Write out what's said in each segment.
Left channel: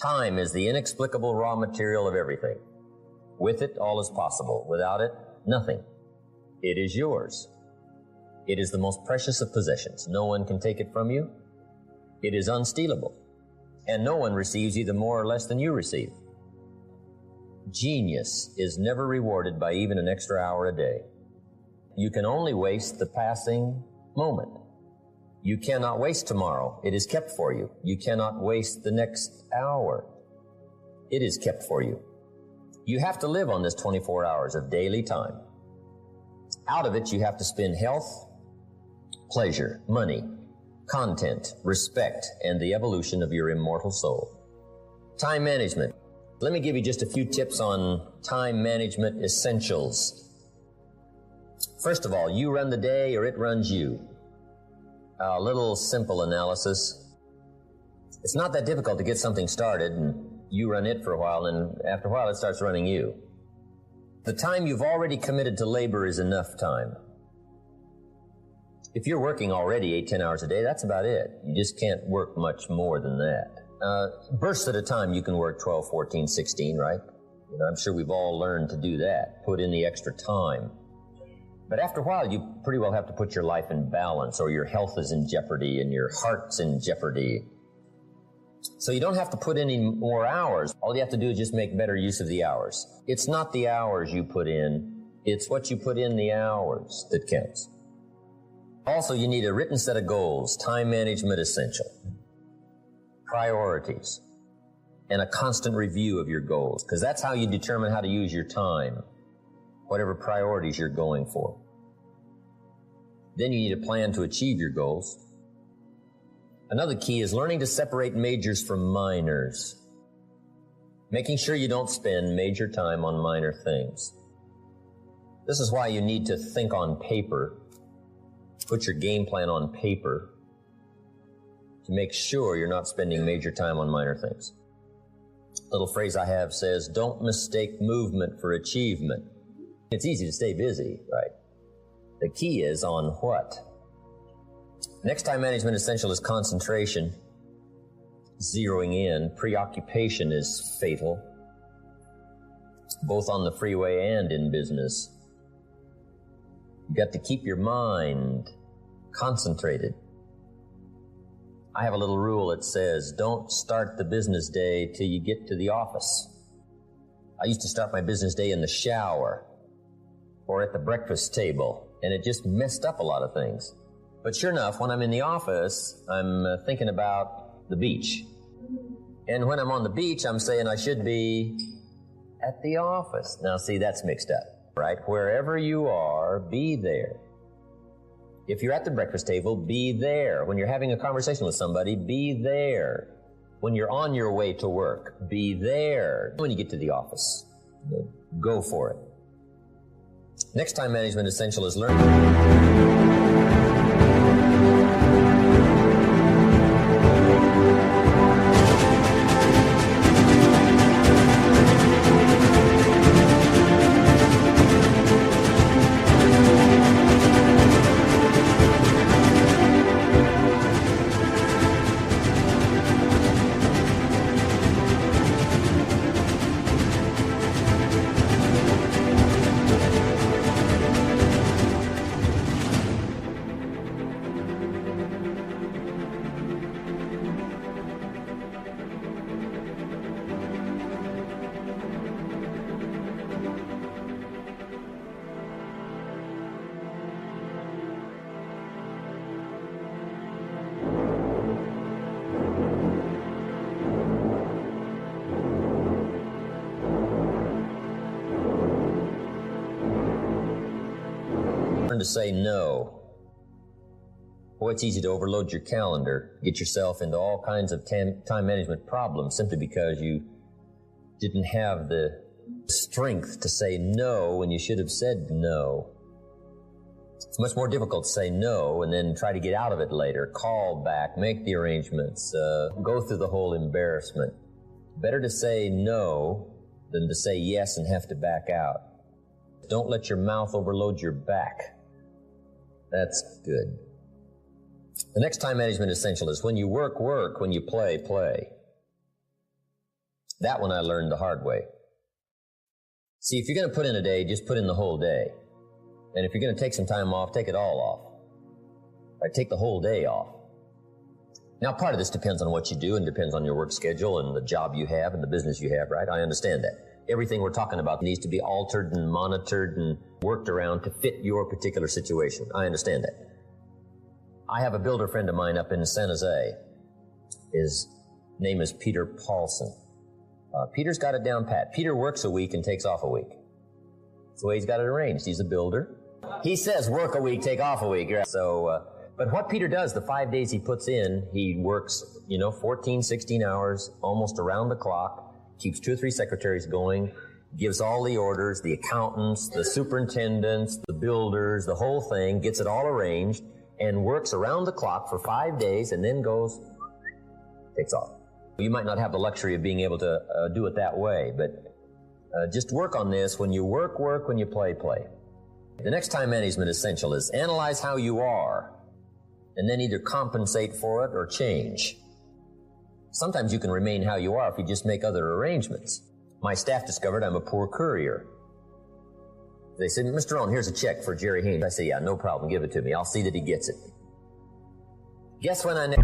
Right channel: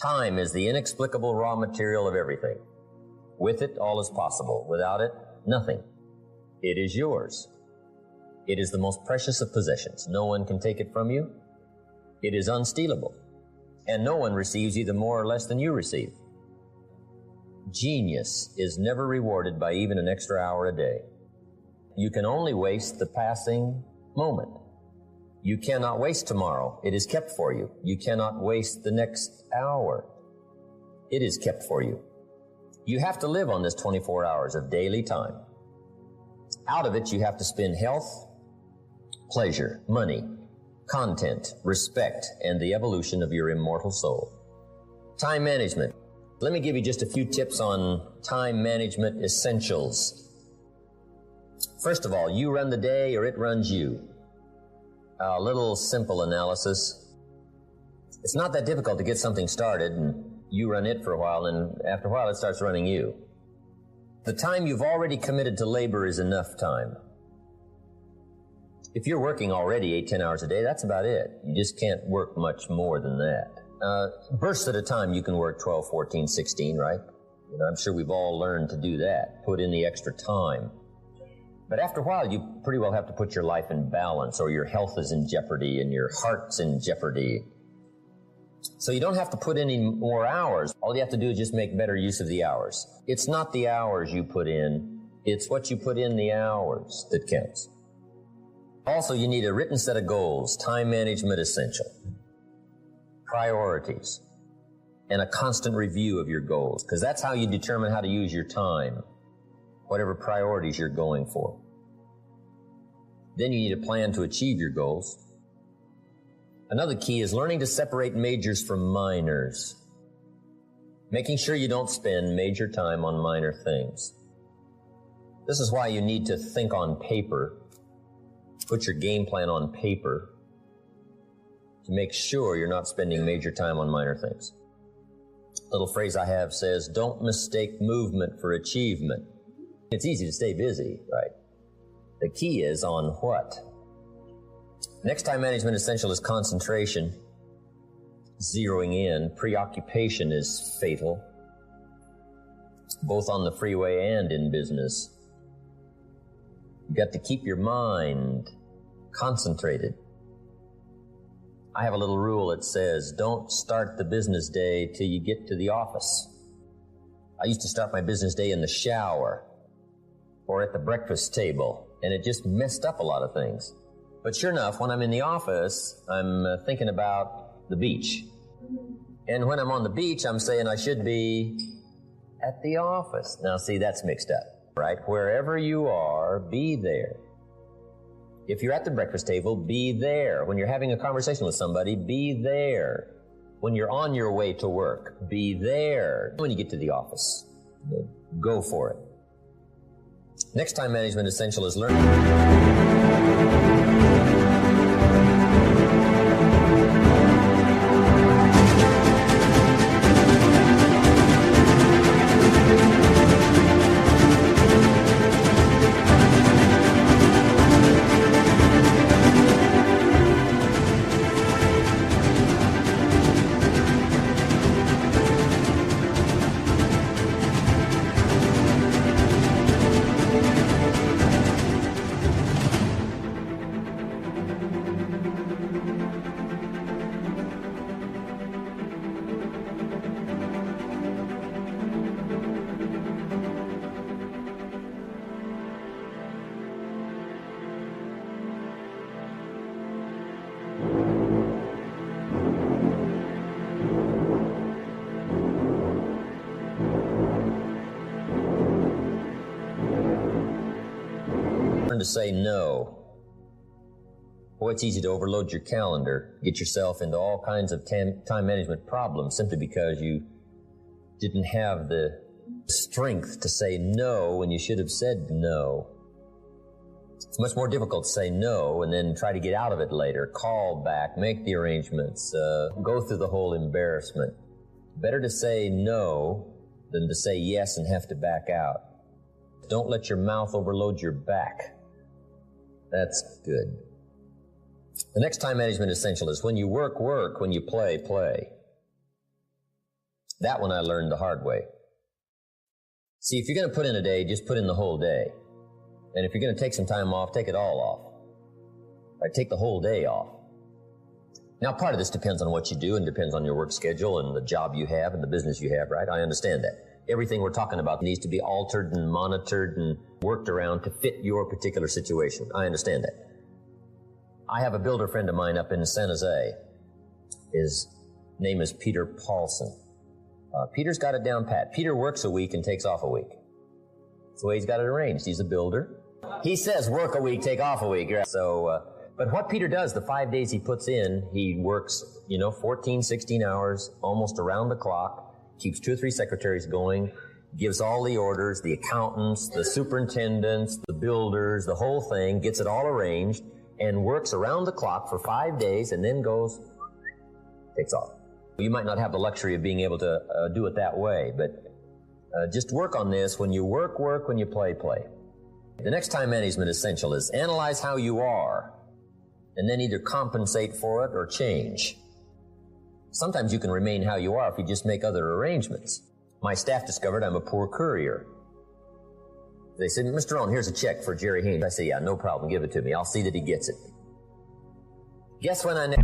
Time is the inexplicable raw material of everything. With it, all is possible. Without it, nothing. It is yours. It is the most precious of possessions. No one can take it from you. It is unstealable. And no one receives either more or less than you receive. Genius is never rewarded by even an extra hour a day. You can only waste the passing moment. You cannot waste tomorrow. It is kept for you. You cannot waste the next hour. It is kept for you. You have to live on this 24 hours of daily time. Out of it, you have to spend health, pleasure, money, content, respect, and the evolution of your immortal soul. Time management. Let me give you just a few tips on time management essentials. First of all, you run the day or it runs you. A little simple analysis. It's not that difficult to get something started, and you run it for a while, and after a while it starts running you. The time you've already committed to labor is enough time. If you're working already 8-10 hours a day, that's about it. You just can't work much more than that. Bursts at a time, you can work 12, 14, 16, right? I'm sure we've all learned to do that, put in the extra time. But after a while, you pretty well have to put your life in balance, or your health is in jeopardy and your heart's in jeopardy. So you don't have to put any more hours. All you have to do is just make better use of the hours. It's not the hours you put in, it's what you put in the hours that counts. Also, you need a written set of goals, time management essential, priorities, and a constant review of your goals, because that's how you determine how to use your time, whatever priorities you're going for. Then you need a plan to achieve your goals. Another key is learning to separate majors from minors, making sure you don't spend major time on minor things. This is why you need to think on paper, put your game plan on paper, to make sure you're not spending major time on minor things. A little phrase I have says, don't mistake movement for achievement. It's easy to stay busy, right? The key is on what? Next time management essential is concentration, zeroing in. Preoccupation is fatal, both on the freeway and in business. You got to keep your mind concentrated. I have a little rule that says, don't start the business day till you get to the office. I used to start my business day in the shower or at the breakfast table, and it just messed up a lot of things. But sure enough, when I'm in the office, I'm thinking about the beach. And when I'm on the beach, I'm saying I should be at the office. Now, see, that's mixed up, right? Wherever you are, be there. If you're at the breakfast table, be there. When you're having a conversation with somebody, be there. When you're on your way to work, be there. When you get to the office, go for it. Next time management essential is learning. Learn to say no. Boy, it's easy to overload your calendar, get yourself into all kinds of time management problems simply because you didn't have the strength to say no when you should have said no. It's much more difficult to say no and then try to get out of it later, call back, make the arrangements, go through the whole embarrassment. Better to say no than to say yes and have to back out. Don't let your mouth overload your back. That's good. The next time management essential is when you work, work. When you play, play. That one I learned the hard way. See, if you're going to put in a day, just put in the whole day. And if you're going to take some time off, take it all off. Or take the whole day off. Now, part of this depends on what you do and depends on your work schedule and the job you have and the business you have, right? I understand that. Everything we're talking about needs to be altered and monitored and worked around to fit your particular situation. I understand that. I have a builder friend of mine up in San Jose. His name is Peter Paulson. Peter's got it down pat. Peter works a week and takes off a week. That's the way he's got it arranged. He's a builder. He says work a week, take off a week. So, but what Peter does, the 5 days he puts in, he works, 14, 16 hours, almost around the clock, keeps 2 or 3 secretaries going, gives all the orders, the accountants, the superintendents, the builders, the whole thing, gets it all arranged, and works around the clock for 5 days, and then goes, takes off. You might not have the luxury of being able to do it that way, but just work on this. When you work, work. When you play, play. The next time management essential is analyze how you are, and then either compensate for it or change. Sometimes you can remain how you are if you just make other arrangements. My staff discovered I'm a poor courier. They said, Mr. Rohn, here's a check for Jerry Haynes. I say, yeah, no problem, give it to me. I'll see that he gets it. Guess when I...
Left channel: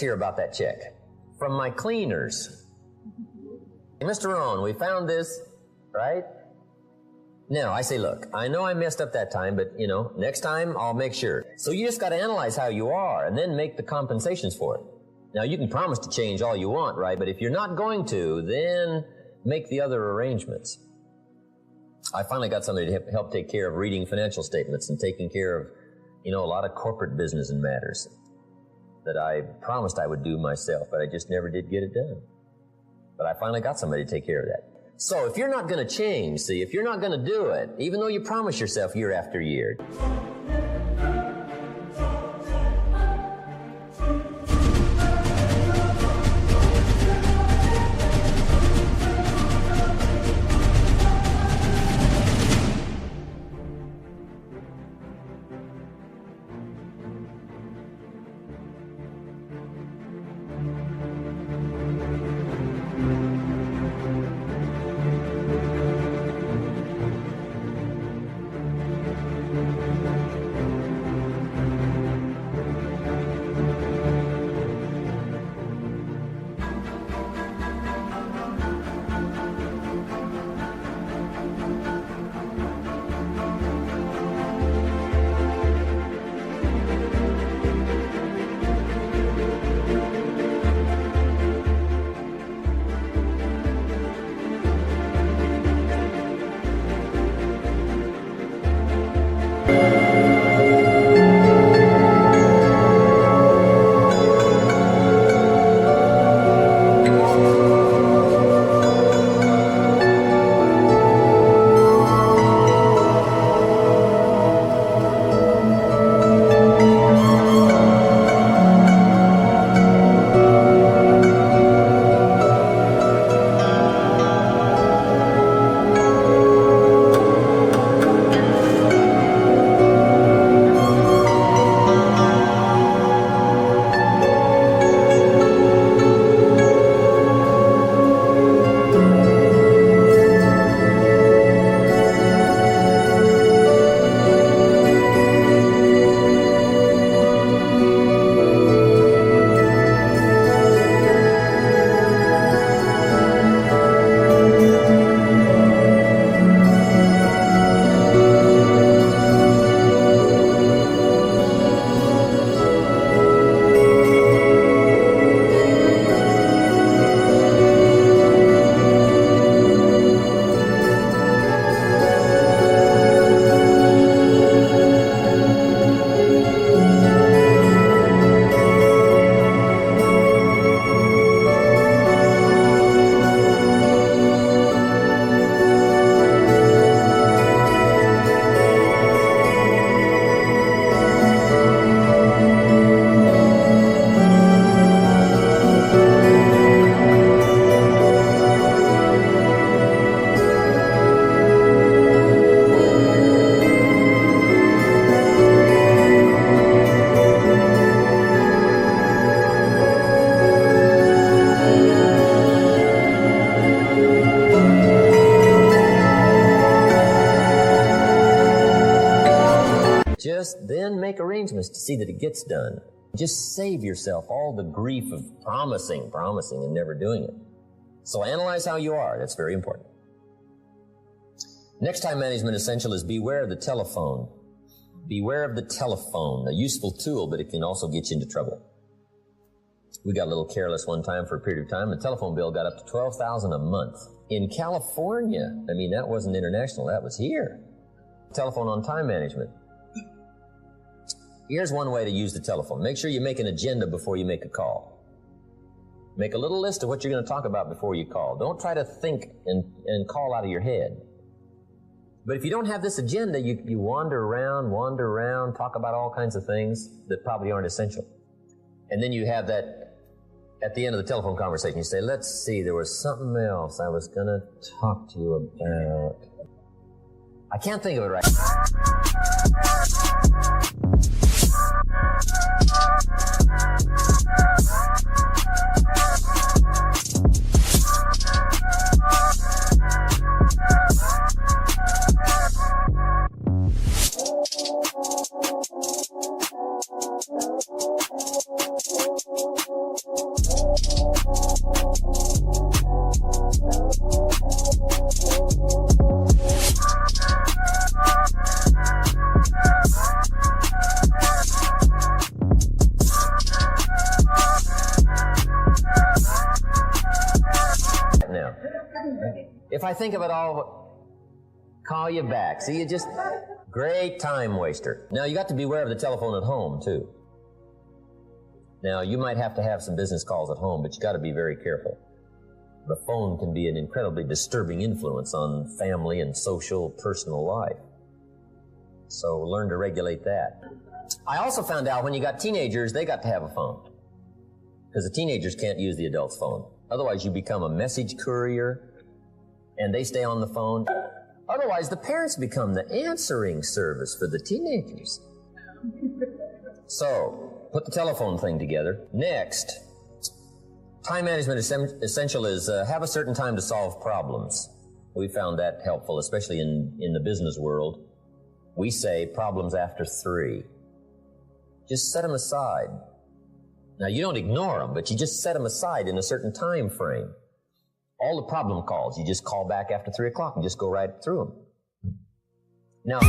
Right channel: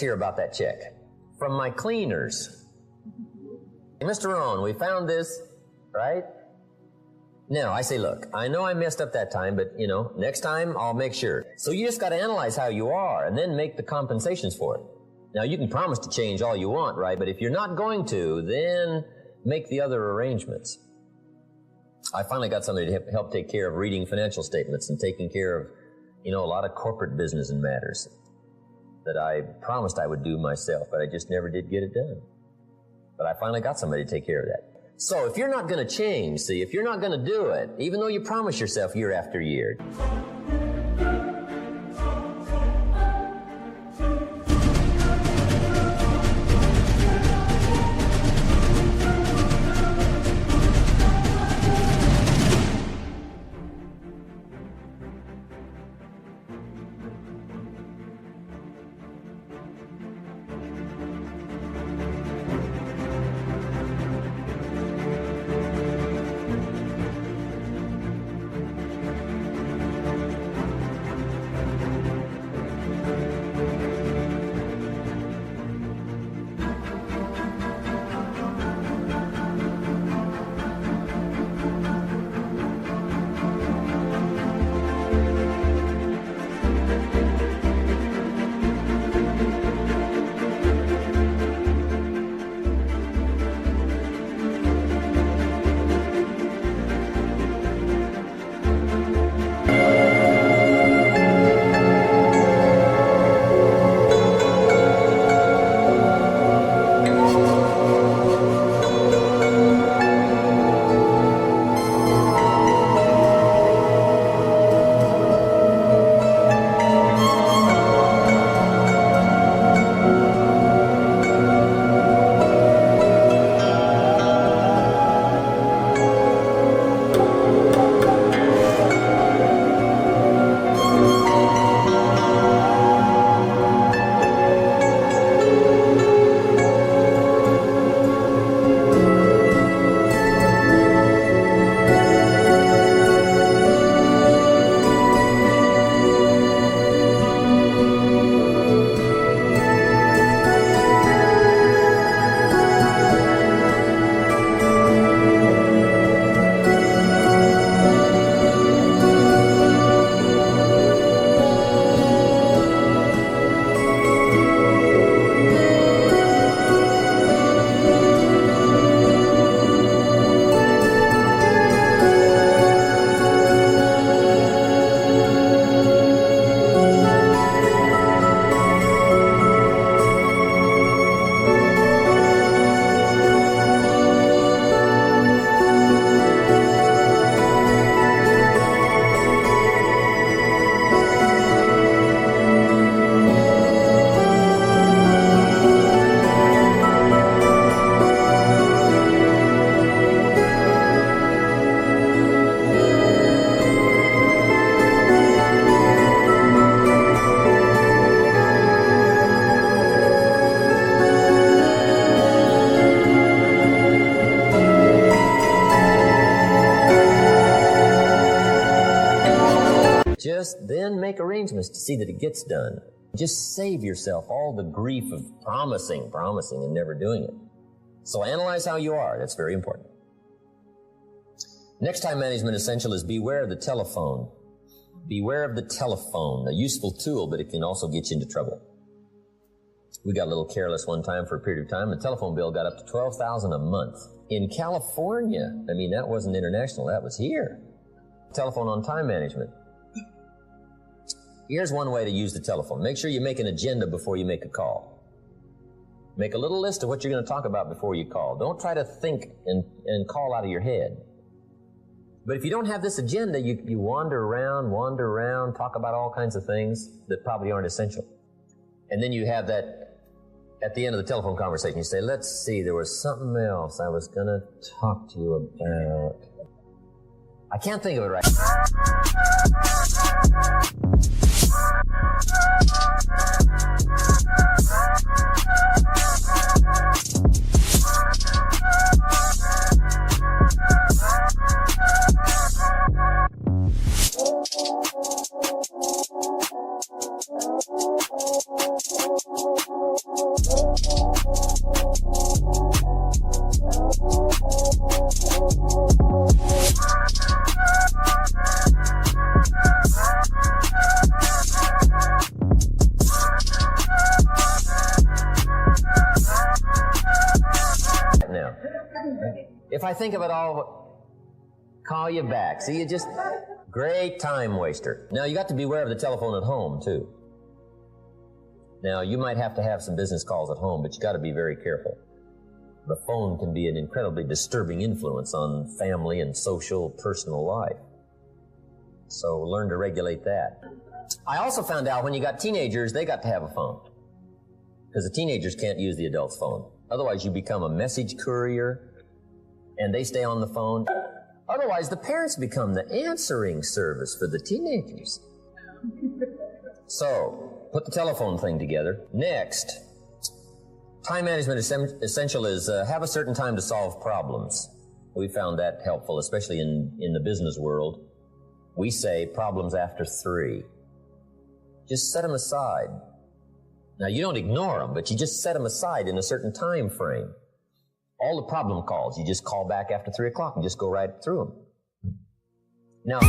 Hear about that check from my cleaners. Mr. Rohn, we found this, right? Now, I say, look, I know I messed up that time, but, next time I'll make sure. So you just got to analyze how you are and then make the compensations for it. Now, you can promise to change all you want, right? But if you're not going to, then make the other arrangements. I finally got somebody to help take care of reading financial statements and taking care of, a lot of corporate business and matters that I promised I would do myself, but I just never did get it done. But I finally got somebody to take care of that. So if you're not going to change, if you're not going to do it, even though you promise yourself year after year, Just then make arrangements to see that it gets done. Just save yourself all the grief of promising, and never doing it. So analyze how you are. That's very important. Next time management essential is beware of the telephone. Beware of the telephone, a useful tool, but it can also get you into trouble. We got a little careless one time for a period of time. The telephone bill got up to $12,000 a month. In California, I mean, that wasn't international, that was here. Telephone on time management. Here's one way to use the telephone. Make sure you make an agenda before you make a call. Make a little list of what you're going to talk about before you call. Don't try to think and call out of your head. But if you don't have this agenda, you wander around, talk about all kinds of things that probably aren't essential. And then you have that, at the end of the telephone conversation, you say, let's see, there was something else I was going to talk to you about. I can't think of it right now. If I think of it all, call you back. See, you just, great time waster. Now, you got to beware of the telephone at home, too. Now, you might have to have some business calls at home, but you got to be very careful. The phone can be an incredibly disturbing influence on family and social, personal life. So learn to regulate that. I also found out when you got teenagers, they got to have a phone. Because the teenagers can't use the adult's phone. Otherwise, you become a message courier, and they stay on the phone. Otherwise, the parents become the answering service for the teenagers. So, put the telephone thing together. Next, time management essential is have a certain time to solve problems. We found that helpful, especially in the business world. We say problems after 3. Just set them aside. Now, you don't ignore them, but you just set them aside in a certain time frame. All the problem calls, you just call back after 3 o'clock and just go right through them. Now,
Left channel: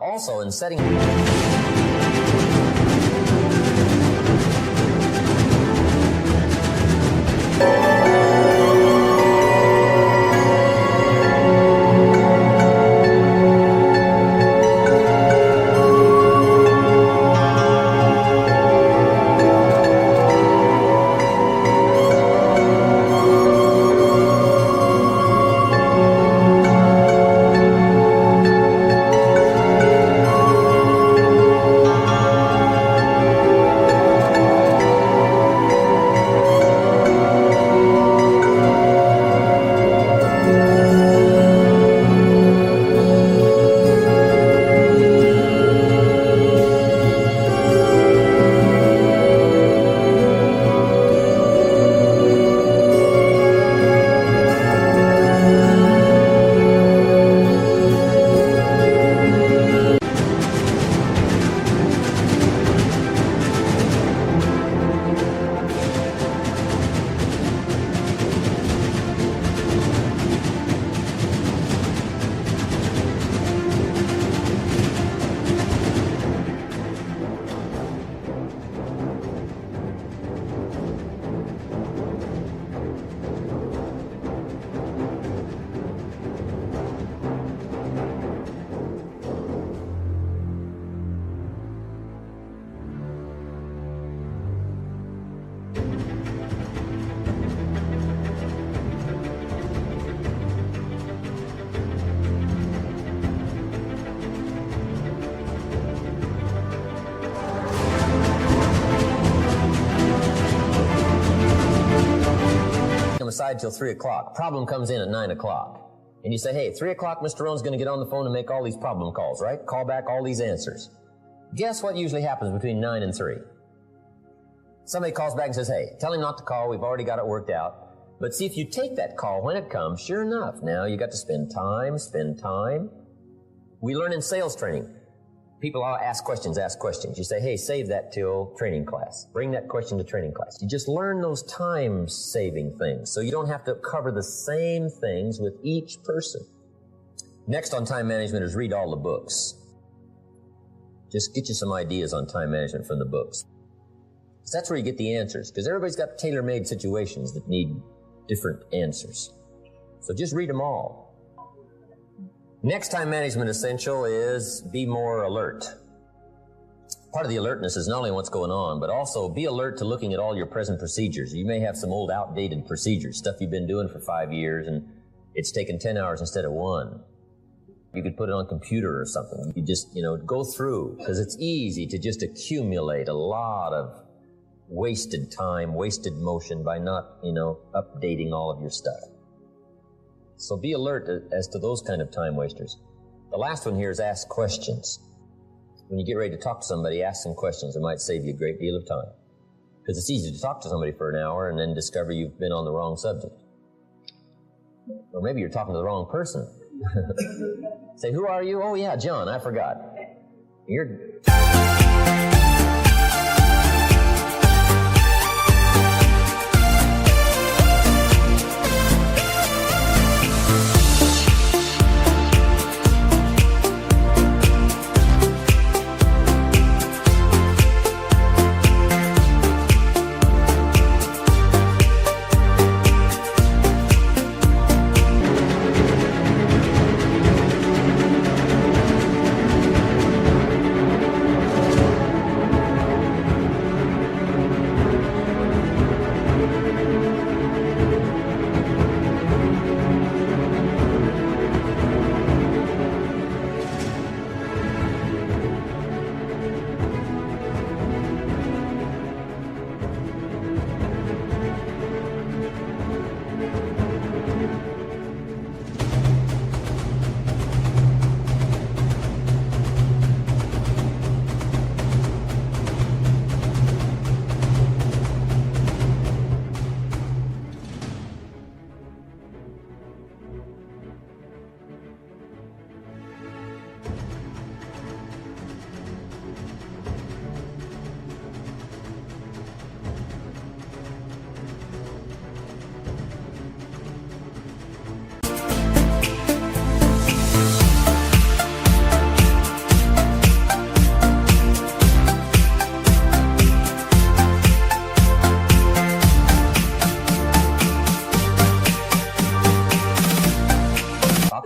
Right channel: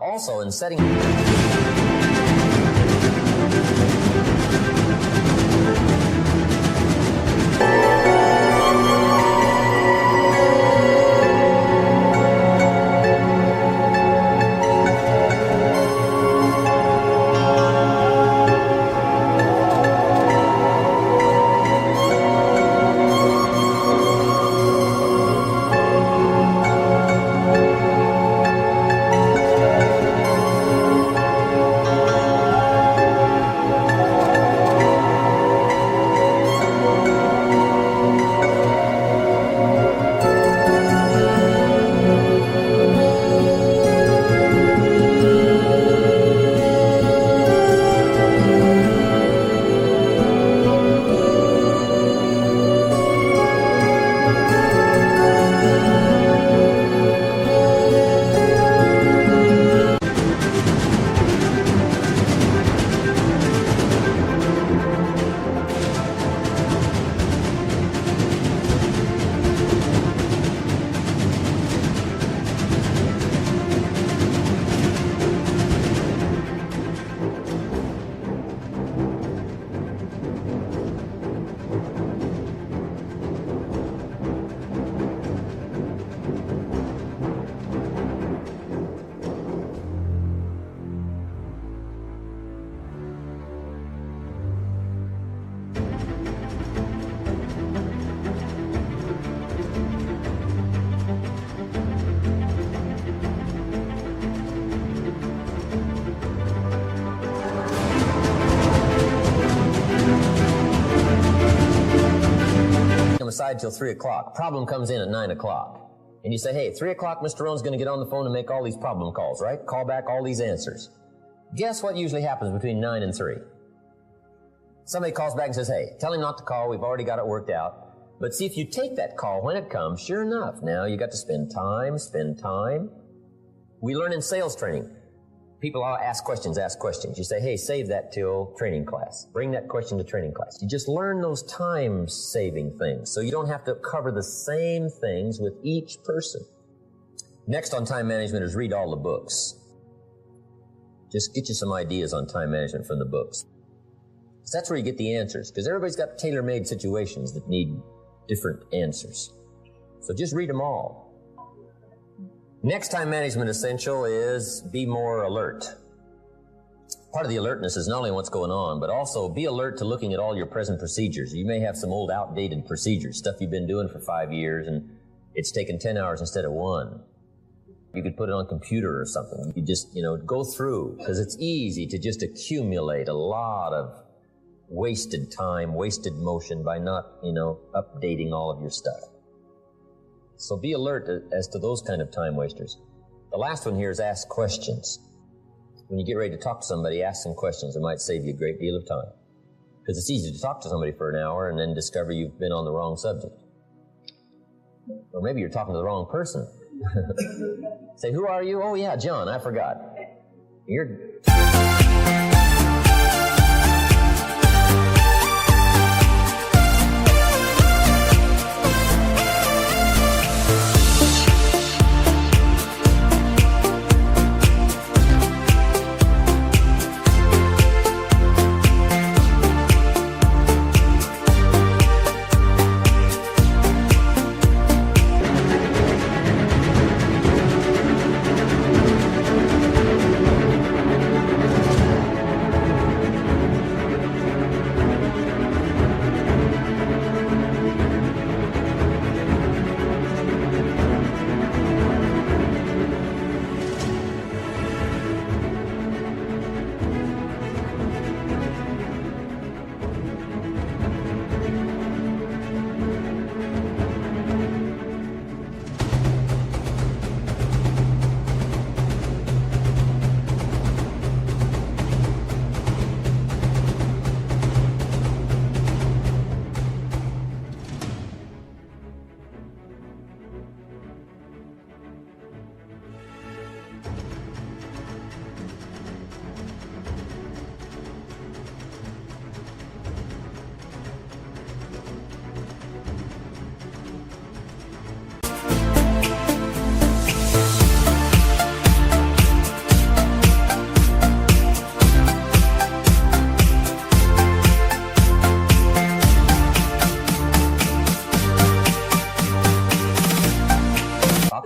also in setting aside till 3 o'clock. Problem comes in at 9 o'clock. And you say, hey, 3 o'clock, Mr. Rohn's going to get on the phone and make all these problem calls, right? Call back all these answers. Guess what usually happens between 9 and 3? Somebody calls back and says, hey, tell him not to call. We've already got it worked out. But see, if you take that call when it comes, sure enough, now you got to spend time. We learn in sales training. People ask questions. You say, hey, save that till training class. Bring that question to training class. You just learn those time-saving things so you don't have to cover the same things with each person. Next on time management is read all the books. Just get you some ideas on time management from the books. So that's where you get the answers, because everybody's got tailor-made situations that need different answers. So just read them all. Next time management essential is be more alert. Part of the alertness is not only what's going on, but also be alert to looking at all your present procedures. You may have some old outdated procedures, stuff you've been doing for 5 years, and it's taken 10 hours instead of 1. You could put it on a computer or something. You could just, go through, because it's easy to just accumulate a lot of wasted time, wasted motion by not, updating all of your stuff. So be alert as to those kind of time wasters. The last one here is ask questions. When you get ready to talk to somebody, ask some questions. It might save you a great deal of time. Because it's easy to talk to somebody for an hour and then discover you've been on the wrong subject. Or maybe you're talking to the wrong person. Say, who are you? Oh yeah, John, I forgot.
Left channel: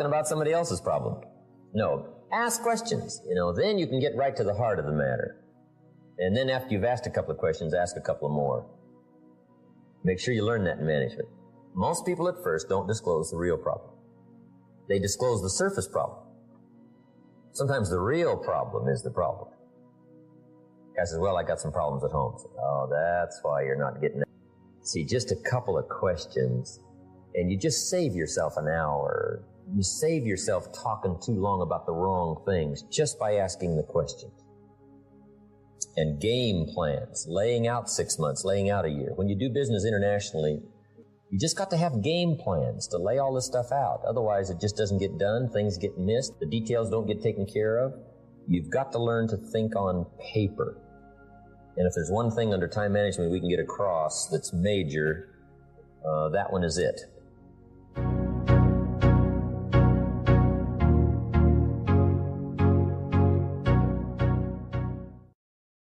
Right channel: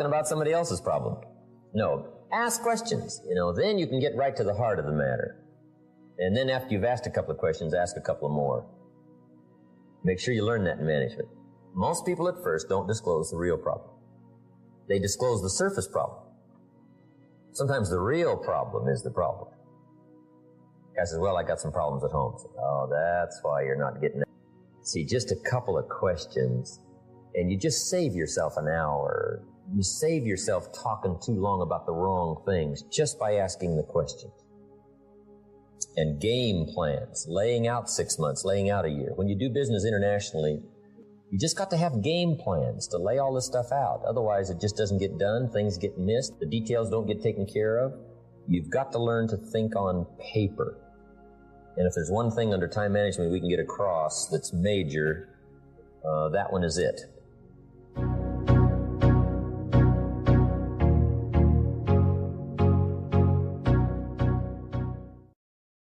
About somebody else's problem. No, ask questions, then you can get right to the heart of the matter. And then after you've asked a couple of questions, ask a couple of more. Make sure you learn that in management. Most people at first don't disclose the real problem. They disclose the surface problem. Sometimes the real problem is the problem. Guy says, well, I got some problems at home. Say, oh, that's why you're not getting it. See, just a couple of questions, and you just save yourself an hour. You save yourself talking too long about the wrong things just by asking the questions. And game plans, laying out 6 months, laying out a year. When you do business internationally, you just got to have game plans to lay all this stuff out. Otherwise, it just doesn't get done. Things get missed. The details don't get taken care of. You've got to learn to think on paper. And if there's one thing under time management we can get across that's major, that one is it.